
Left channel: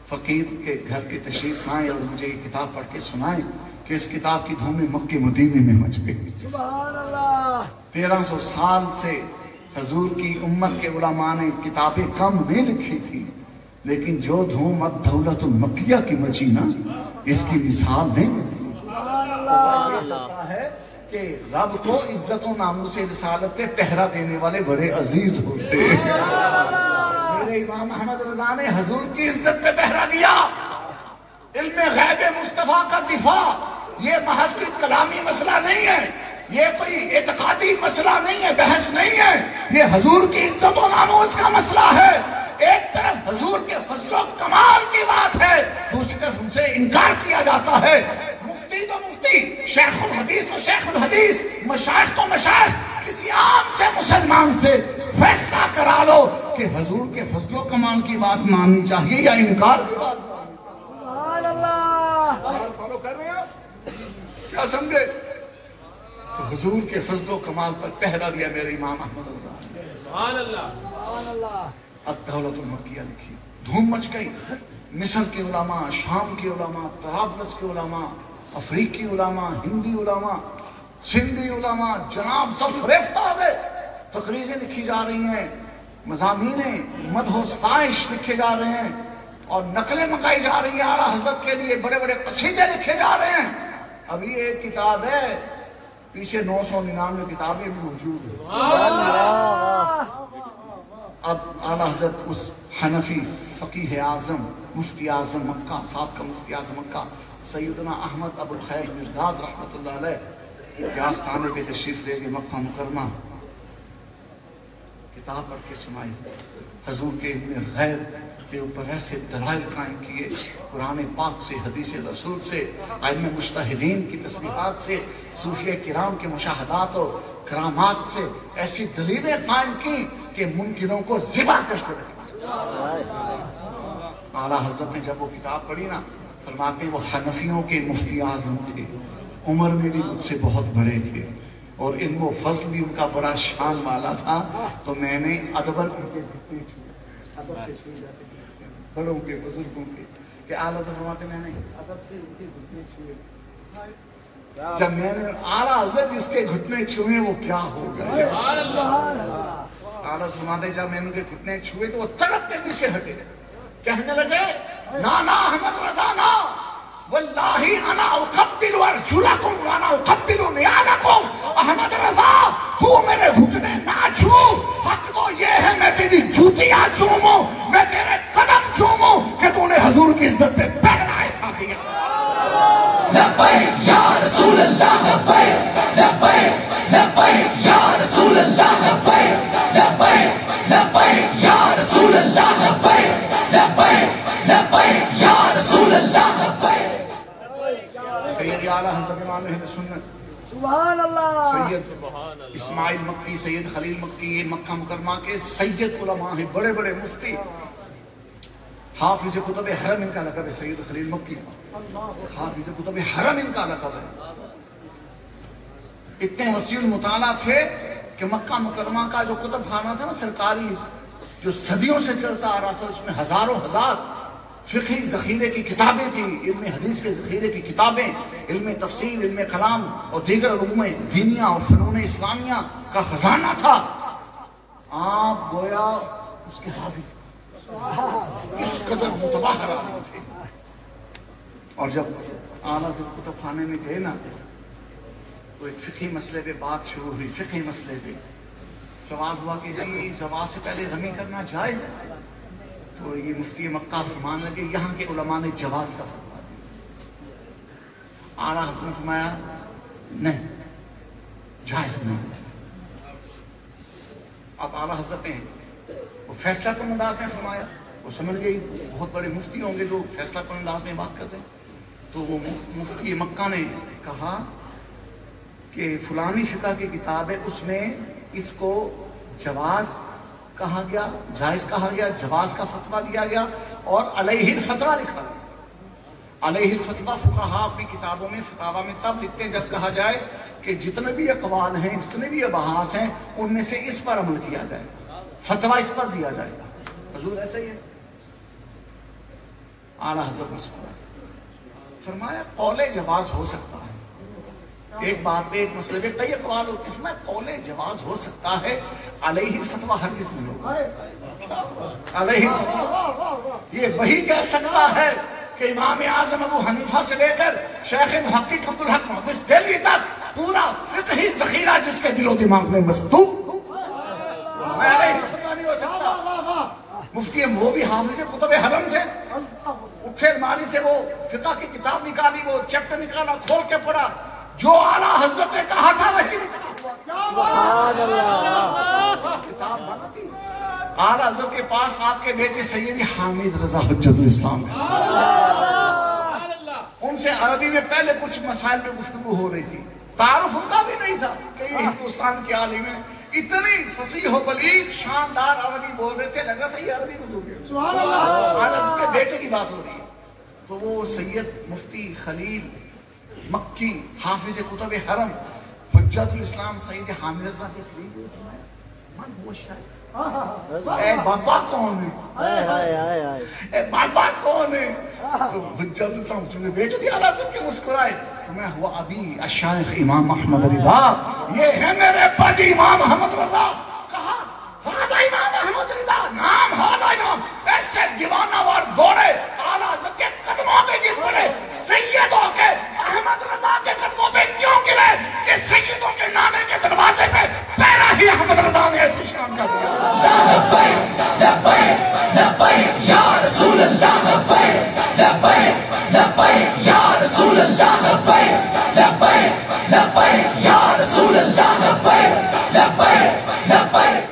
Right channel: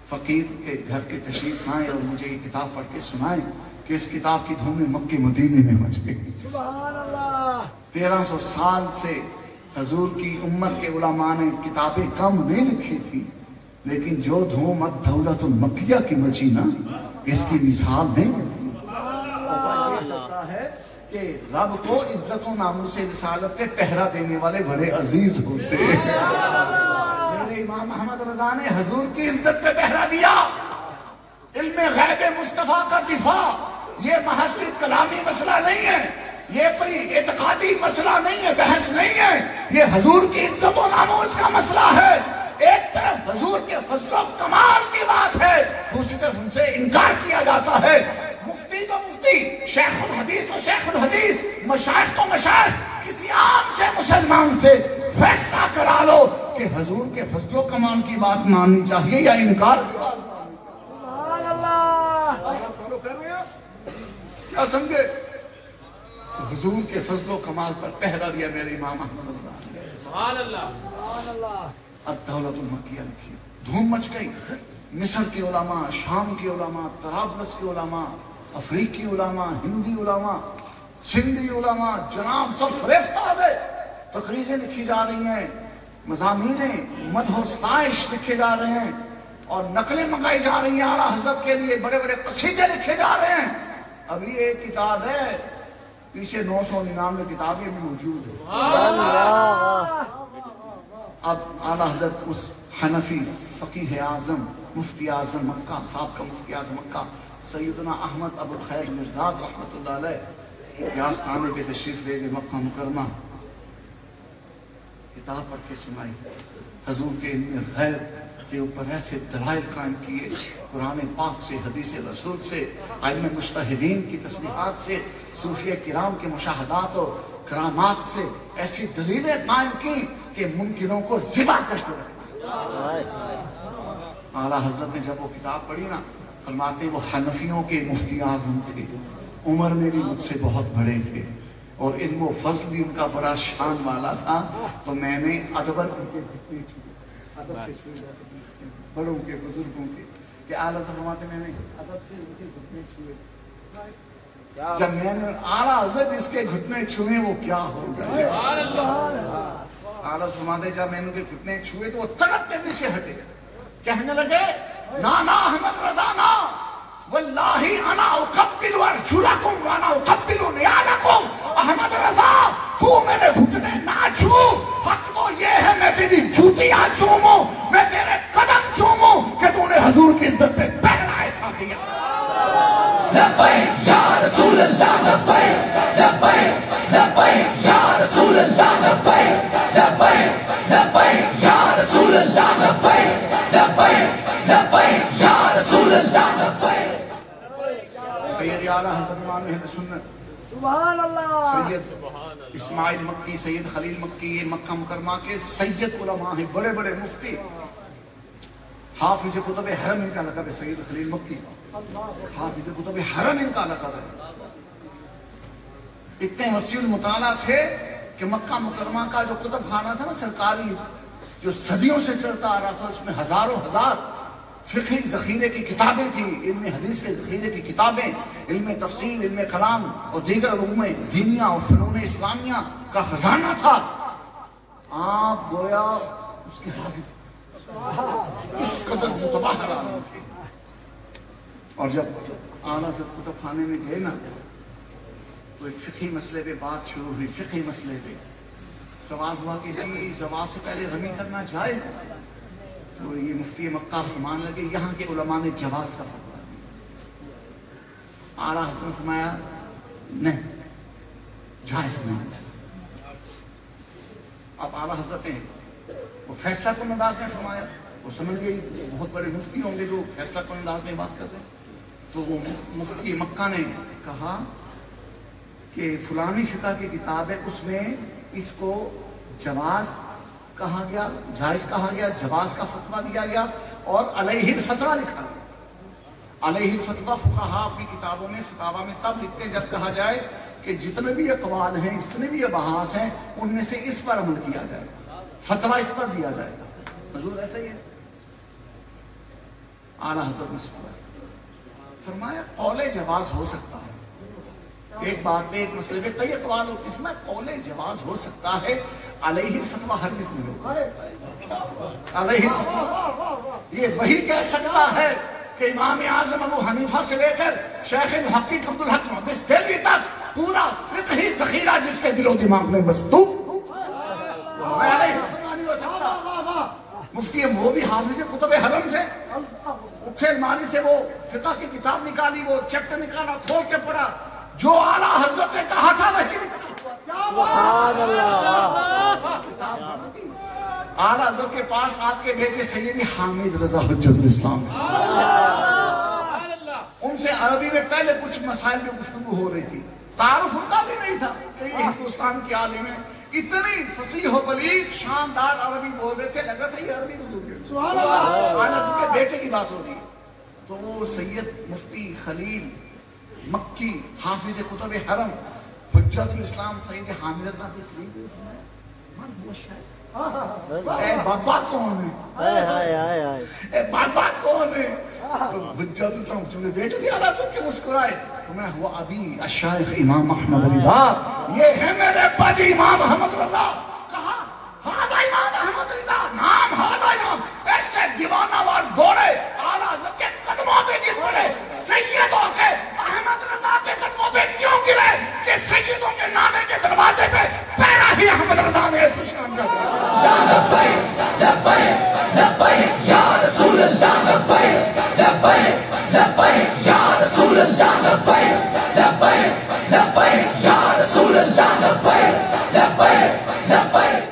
فقیر کے گھر کے تشریف لائیں اور مجھے یہ کتاب پڑھ کے سنائیں کہ اس کتاب کی دھومیں مکے مدینے میں مچ گئی۔ سبحان اللہ۔ 1300 سال سے حضور کی امت کے علماء نے کتابیں کم نہیں لکھی تھی، لیکن جو دھوم الدولۃ المکیہ کی مچی نا، اس کی مثال نہیں ہے۔ کہ رب کو عزت و ناموس رسالت پہ پہرا دینے والے بڑے عزیز ہوتے ہیں۔ میرے امام احمد رضا نے حضور کی عزت پہ پہرا دیا۔ علم غیب مصطفیٰ کا دفاع یہ محض کوئی کلامی مسئلہ نہیں ہے، یہ کوئی اعتقادی مسئلہ نہیں ہے، بحث نہیں ہے، یہ حضور کی عزت و ناموس کا مسئلہ ہے۔ ایک طرف حضور کے فضل و کمال کی بات ہے، دوسری طرف ان سے انکار کیا جاتا ہے۔ مفتی تو مفتی، شیخ الحدیث تو شیخ الحدیث، مشائخ تو مشائخ، کسی عام سے مسلمان سے فیصلہ کرا لو کہ حضور کے فضل و کمال کی بات ماننی چاہیے یا انکار کی بات؟ سبحان اللہ، فالو کر رہے ہیں آپ؟ کیا سمجھے؟ تو حضور کے فضل و کمال پر پہرا دیا میرے امام احمد رضا نے۔ سبحان اللہ۔ اب دولت المکیہ لکھی، دھوم مچ گئی۔ مصر کے علماء، شام کے علماء، طرابلس کے علماء، افریقی علماء، ہندی علماء، سندھی علماء، جناب سب فریفت آ گئے۔ تقریریں لکھی جا رہی ہیں، مضامینیں، مدح و ستائش لکھے جا رہے ہیں، اور نقلیں منگائی جا رہی ہیں اعلیٰ حضرت کے لیے، بڑے بڑے قصیدے لکھے جا رہے ہیں۔ ابھی ایک کتاب ہے، پیچھے 999 کتابیں بھی موجود ہیں۔ اب اعلیٰ حضرت اس حنفی فقیہ اعظم، مفتی اعظم مکہ، سابقہ مفتی اعظم مکہ سیدنا احمد ابو الخیر مرداد رحمۃ اللہ علیہ کے آستانے پہ تشریف لے گئے مکہ مکرمہ، کتاب پڑھ کے سنائی، حضور کے علم غیب کے اوپر ایسے دلائل قائم کیے، قرآن پاک سے، حدیث رسول سے، علم مجتہدین کی تسبیحات سے، صوفیہ کرام کے مشاہدات اور کرامات سے ایسی دلیلیں قائم کی کہ ممکنوں کو ذبح کر کے رکھا۔ اعلیٰ حضرت نے جب وہ کتاب پڑھی نا، فرماتے وہ حنفیوں کے مفتی اعظم تھے، عمر میں بھی مجھ سے بہت بڑے تھے، اور علم و فضل بھی ان کا بڑا شان والا تھا، تو میں نے ادبر ان کے گھٹنے چھوئے، ادب سے چھوئے جاتے ہیں بڑوں کے، بزرگوں کے، کہ اعلیٰ حضرت فرماتے میں نے ادب سے ان کے گھٹنے چھوئے۔ جب میں نے اعلیٰ حضرت جس کے گھٹنے چھوئے وہ کیا ہوگا؟ اعلیٰ فرماتے جب میں نے ان کے گھٹنے چھوئے تو وہ تڑپ کے پیچھے ہٹے، کہنے لگے نا احمد رضا نا، واللہ انا اقبل ارجلکم وانا اقبل نیالکم، احمد رضا تو میرے گھٹنے نہ چھو، حق تو یہ ہے میں تیری جوتیاں چوموں، میں تیرے قدم چوموں کہ تو نے حضور کی عزت پہ پہنا ایسا کیا۔ لبیک یا رسول اللہ، لبیک لبیک لبیک یا رسول اللہ، لبیک لبیک لبیک یا رسول اللہ، لبیک لبیک لبیک یا رسول اللہ، لبیک۔ سید اعلیٰ حضرت امام اہل سنت سبحان اللہ، سید اسماعیل مکی، سید خلیل مکی، یہ مکہ مکرمہ کے سید علماء ہیں، بڑے بڑے مفتی۔ حافظ کتب حرم ان کا لقب ہے، سید خلیل مکی حافظ کتب حرم ان کا لقب ہے۔ اتنے وسیع المطالعہ تھے کہ مکہ مکرمہ کا جو کتب خانہ تھا نا سرکاری، جو صدیوں سے چلتا آ رہا تھا، اس میں ہزاروں ہزار فقہی ذخیرے کی کتابیں تھیں، علم حدیث کے ذخیرے کی کتابیں، علم تفسیر، علم کلام اور دیگر علوم دینیہ اور فنون اسلامیہ کا خزانہ تھا۔ آپ گویا اس کے حافظ اس قدر متباہر عالم تھے۔ اور جب اعلیٰ حضرت کتب خانے میں گئے نا تو ایک فقہی مسئلے پہ بات شروع ہوئی، فقہی مسئلے پہ سوال ہوا کہ جی زوال سے پہلے غمی کرنا جائز ہے؟ تو یہ مفتی مکہ فرمان لگے یہاں کے علماء نے جواز کا فتویٰ دیا۔ اعلیٰ حضرت نے فرمایا نہیں، جائز نہیں۔ اب اعلیٰ حضرت نے وہ فیصلہ کن انداز میں فرمایا، وہ سمجھ گئی بہت بڑے مفتی ہوں گے جو فیصلہ کن انداز میں بات کر رہے ہیں، تو وہ مفتی مکہ نے کہا کہ فلانی فقہ کی کتاب ہے، اس میں اس کو جواز کہا گیا، جائز کہا گیا، جواز کا فتویٰ دیا گیا اور علیہ الفتویٰ لکھا گیا۔ علیہ الفتویٰ فقہاء اپنی کتابوں میں فتاویٰ میں تب لکھتے ہیں جب کہا جائے کہ جتنے بھی اقوال ہیں، جتنے بھی ابحاث ہیں، ان میں سے اس پر عمل کیا جائے، فتویٰ اس پر دیا جائے گا۔ حضور ایسا ہی ہے۔ اعلیٰ حضرت نے فرمایا قول جواز ہو سکتا ہے، ایک بات پہ ایک مسئلے پہ کئی اقوال ہوتے ہیں، فرمایا قول جواز ہو سکتا ہے، علیہ الفتویٰ ہرگز نہیں ہوگا۔ علیہ الفتویٰ یہ وہی کہہ سکتا ہے کہ امام اعظم ابو حنیفہ سے لے کر شیخ محقق عبدالحق محدث دہلوی تک پورا فقہی ذخیرہ جس کے دل و دماغ میں مستوب، میں علیہ السلام نہیں ہو سکتا۔ مفتی وہ بھی حافظ کتب حرم تھے، اٹھے الماری سے وہ فقہ کی کتاب نکالی، وہ چیپٹر نکالا، کھول کے پڑھا، جو اعلیٰ حضرت نے کہا تھا وہی لکھا ہوا۔ سبحان اللہ، کتاب بند تھی۔ اعلیٰ حضرت کے پاس آپ کے بیٹے سیدی حامد رضا حجت الاسلام تھے، ان سے عربی میں پہلے کچھ مسائل میں گفتگو ہو رہی تھی، تعارف ان کا بھی نہیں تھا کہ یہ ہندوستان کے عالم ہیں، اتنی فصیح و بلیغ شاندار عربی بول رہے تھے، لگا تھا یہ عربی بول گئے۔ سبحان اللہ، اعلیٰ حضرت کے بیٹے کی بات ہو رہی ہے، تو وہ سید مفتی خلیل مکی حافظ کتب حرم حجت الاسلام سید حامد رضا کے قریب ہوئے، فرمایا من ہوا شاید، اے بابا کون ہے، اے بابا کون ہے؟ تو حجت الاسلام چونکہ بیٹے تھے اعلیٰ حضرت کے مسکرائے، فرمایا ہوا ابھی الشیخ امام احمد رضا، یہ ہے میرے باجی امام احمد رضا۔ کہا ہاں امام احمد رضا، نام ہاں امام، ایسے دیوانہ وار دوڑے اعلیٰ حضرت کے قدموں پہ گر پڑے، سیدوں کے احمد رضا کے قدموں پہ کیوں گرے کہ سیدوں کے نانے کے دروازے پہ پہلا ہی احمد رضا نے ایسی شان کا لبیک لبیک لبیک یا رسول اللہ، لبیک لبیک لبیک یا رسول اللہ، لبیک لبیک لبیک یا رسول اللہ، لبیک لبیک لبیک۔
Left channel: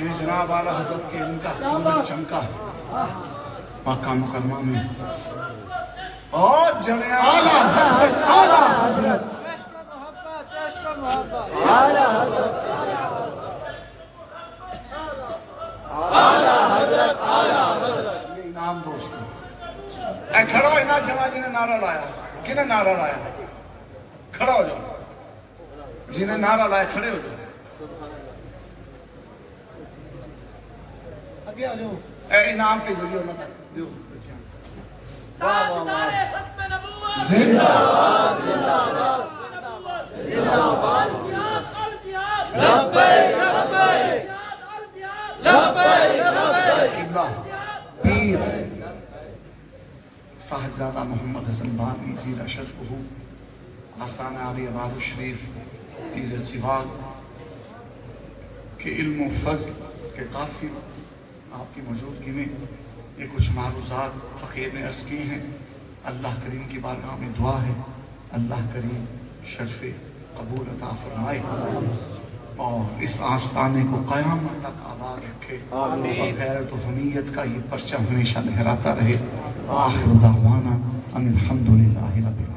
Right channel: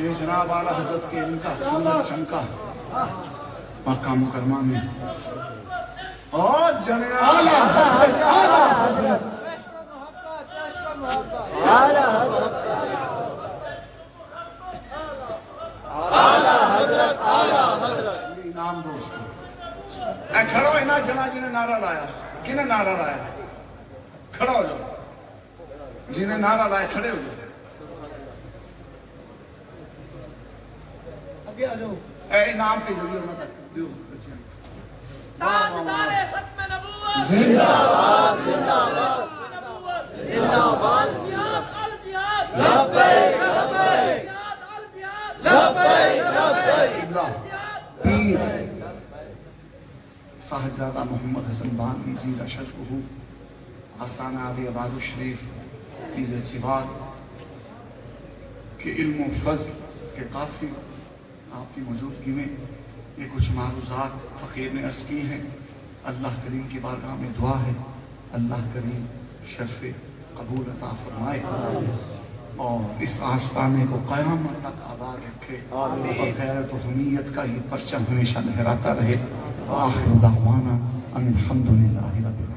یہ جناب اعلیٰ حضرت کے ان کا سینہ چمکا مکہ مکرمہ میں، اور جناب اعلیٰ حضرت یہ انعام دو اس کو۔ اے کھڑو اینا جنا جنہیں نعرہ لایا، کنہیں نعرہ لایا؟ کھڑا ہو جاؤ، جنہیں نعرہ لایا کھڑے ہو جاؤ، آگے آ جاؤ۔ اے انعام کے ذریعے ہونا تک دیو بچیاں۔ تاجدار ختم نبوت، زندہ زندہ باد، الجہاد، لبیک لبیک، لبیک لبیک، قبلہ پیر صاحبزادہ محمد حسن بانوی زیرہ شرفہ آستانہ علی اباب الشریف پیر سواگ کے علم و فضل کے قاسم آپ کی موجودگی میں یہ کچھ معروضات فقیر نے عرض کی ہیں۔ اللہ کریم کی بارگاہ میں دعا ہے، اللہ کریم شرف قبول عطا فرمائے اور اس آستانے کو قیامت تک آباد رکھے اور غیرت و حمیت کا یہ پرچم ہمیشہ لہراتا رہے۔ آخر دعوانا ان الحمدللہ رب العالمین۔